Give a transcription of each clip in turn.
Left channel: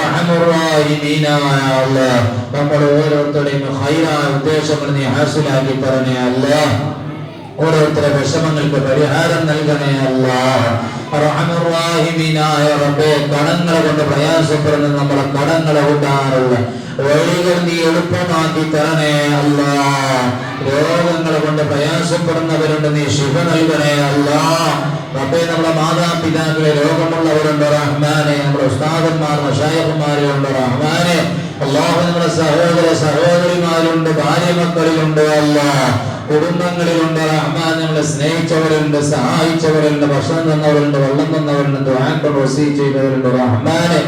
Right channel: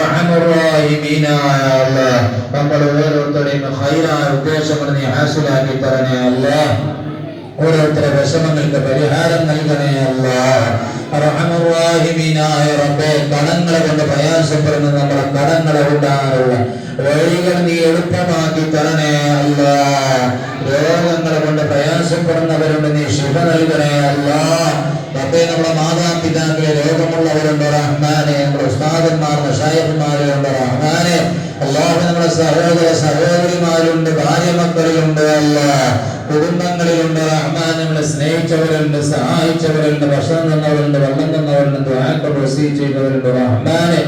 റഹ്മാനായ അല്ലാഹ് നമ്മുടെ ഓരോരുത്തരുടെയും ഖൈറായ ഉദ്ദേശങ്ങൾ നീ ഹാസിലാക്കി തരണേ അല്ലാഹ്. ഓരോരുത്തരുടെ വിഷമങ്ങൾക്ക് പരിഹാരം നൽകണേ അല്ലാഹ്. റഹ്മാനായ റബ്ബേ, കടങ്ങളെ കൊണ്ട് പ്രയാസപ്പെടുന്ന നമ്മുടെ കടങ്ങളെ ഉണ്ടാകാനുള്ള വഴികൾ നീ എളുപ്പമാക്കി തരണേ അല്ലാഹ്. രോഗങ്ങളെ കൊണ്ട് പ്രയാസപ്പെടുന്നവരുണ്ട്, നീ ശിഫ നൽകണേ അല്ലാഹ്. റബ്ബേ, നമ്മുടെ മാതാപിതാക്കളെ രോഗമുള്ളവരുണ്ട് റഹ്മാനെ, നമ്മുടെ ഉസ്താദന്മാർ മശായിഖുമാരുണ്ട് റഹ്മാനെ. അല്ലാഹു, നമ്മുടെ സഹോദര സഹോദരിമാരുണ്ട്, ഭാര്യ മക്കളിലുണ്ട് അല്ലാഹ്, കുടുംബങ്ങളിലുണ്ട് റഹ്മാൻ. നമ്മളെ സ്നേഹിച്ചവരുണ്ട്, സഹായിച്ചവരുണ്ട്, ഭക്ഷണം തന്നവരുണ്ട്, വെള്ളം തന്നവരുണ്ട്, ദുആകൾ വസീയത്ത് ചെയ്തവരുണ്ട് റഹ്മാനെ.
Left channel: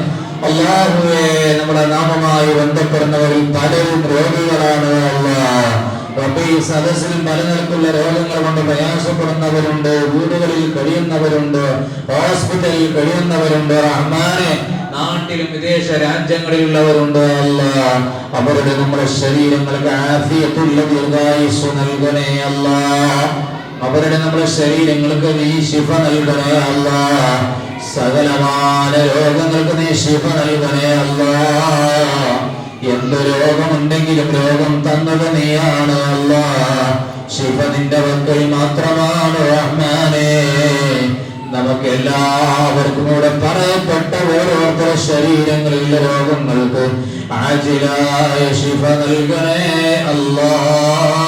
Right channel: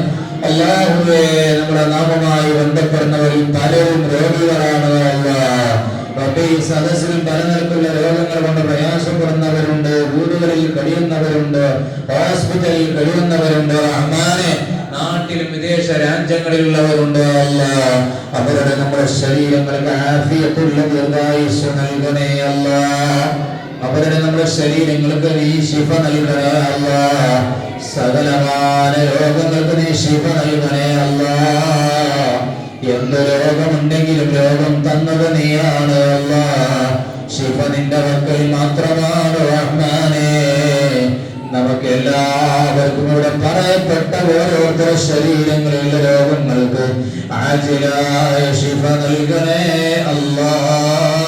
അല്ലാഹുവേ, നമ്മുടെ നാമമായി ബന്ധപ്പെടുന്നവരിൽ പലരും രോഗികളാണ് അല്ലാഹ്. റബ്ബേ, സദസ്സിൽ പലതരത്തിലുള്ള രോഗങ്ങൾ കൊണ്ട് പ്രയാസപ്പെടുന്നവരുണ്ട്, വീടുകളിൽ കഴിയുന്നവരുണ്ട്, ഹോസ്പിറ്റലിൽ കഴിയുന്നവരുണ്ട് റഹ്മാനെ. നാട്ടിലും വിദേശ രാജ്യങ്ങളിലുള്ളവരുണ്ട് അല്ലാഹ്. അവരുടെ നമ്മുടെ ശരീരങ്ങൾക്ക് ആഫിയത്തുള്ള ദീർഘായുസ്സ് നൽകണേ അല്ലാഹ്. അവരുടെ നമ്മുടെ ശരീരങ്ങൾക്ക് നീ ശിഫ നൽകണേ അല്ലാഹ്. സകലമായ രോഗങ്ങൾക്ക് നീ ശിഫ നൽകണേ അല്ലാഹ്. എന്ത് രോഗമുണ്ടെങ്കിലും രോഗം തന്നത് നീയാണ് അല്ലാഹ്. ശിഫ നിന്റെ പക്കൽ മാത്രമാണ് റഹ്മാനേ. നമുക്ക് എല്ലാവർക്കും ഇവിടെ പറയപ്പെട്ട ഓരോരുത്തരുടെ ശരീരങ്ങളിലെ രോഗങ്ങൾക്ക് ആജിലായ ശിഫ നൽകണേ അല്ലാഹ്.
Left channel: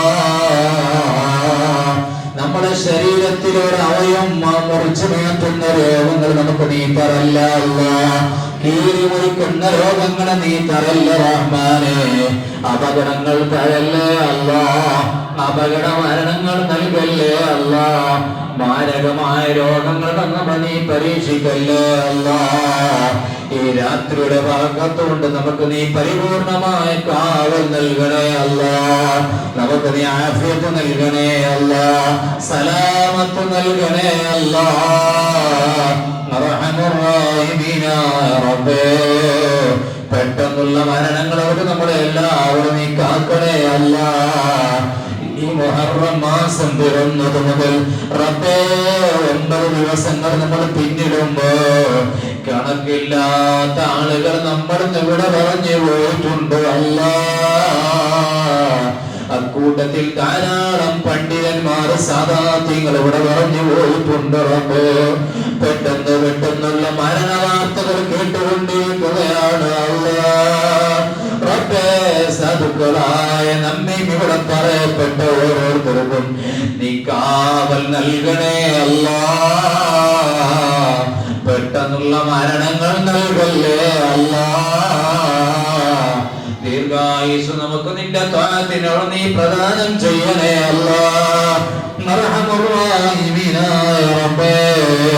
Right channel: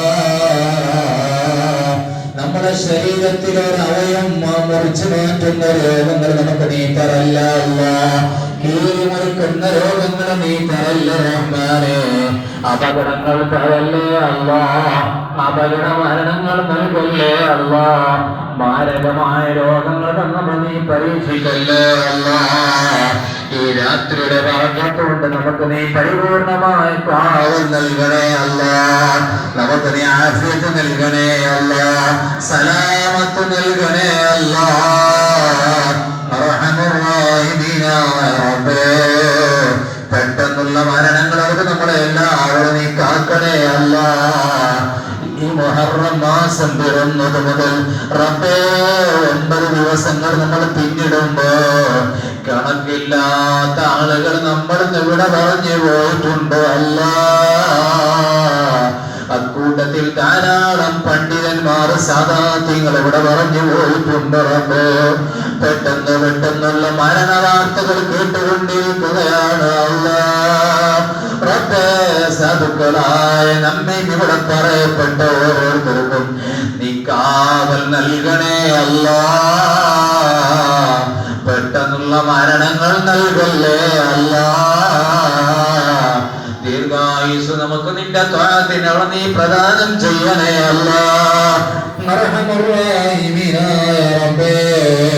നമ്മുടെ ശരീരത്തിലൊരു അവയവം മുറിച്ചു മാറ്റുന്ന രോഗങ്ങൾ നമുക്ക് നീ തരല്ല അല്ലാഹ്. കീറി മുറിക്കുന്ന രോഗങ്ങളെ നീ തരല്ല റഹ്മാനേ. അപകടങ്ങൾ തരല്ലേ അല്ലാഹ്. അപകട മരണങ്ങൾ നൽകല്ലേ അല്ലാഹ്. മാരകമായ രോഗങ്ങൾ തന്നപ്പോ നീ പരീക്ഷിക്കല്ലേ അല്ലാഹ്. ഈ രാത്രിയുടെ ഭാഗത്തുകൊണ്ട് നമുക്ക് നീ പരിപൂർണമായ കാവൽ നൽകണേ അല്ലാഹ്. നമുക്ക് നീ ആഫിയത്ത് നൽകണേ അല്ലാഹ്. സലാമത്ത് നൽകണേ അല്ലാഹ്. റഹ്മാനായ റബ്ബേ, പെട്ടെന്നുള്ള മരണങ്ങൾ അവർക്ക് നമ്മളെ എല്ലാവരും നീ കാക്കണേ അല്ലാഹ്. ഈ മുഹറം മാസം പിറന്നത് മുതൽ റബ്ബേ 9 ദിവസങ്ങൾ നമ്മൾ പിന്നിടുമ്പോ കണക്കില്ലാത്ത ആളുകൾ നമ്മൾ ഇവിടെ പറഞ്ഞു പോയിട്ടുണ്ട് അല്ലാഹ്. അക്കൂട്ടത്തിൽ ധാരാളം പണ്ഡിതന്മാർ സാദാത്യങ്ങൾ ഇവിടെ പറഞ്ഞു പോയിട്ടുണ്ട് റബ്ബേ. പെട്ടെന്നുള്ള മരണ വാർത്തകൾ കേട്ടുകൊണ്ടിരിക്കുകയാണ് അല്ലാഹ്. റബ്ബേ, സാധുക്കളായ നമ്മെ ഇവിടെ പറയപ്പെട്ട ഓരോരുത്തർക്കും നീ കാവൽ നൽകണേ അല്ലാഹ്. പെട്ടെന്നുള്ള മരണങ്ങൾ നൽകല്ലേ അല്ലാഹ്. ദീർഘായുസ് നമുക്ക് നിന്റെ ത്വഅത്തിനോട് നീ പ്രദാനം ചെയ്യണേ അല്ലാഹ്.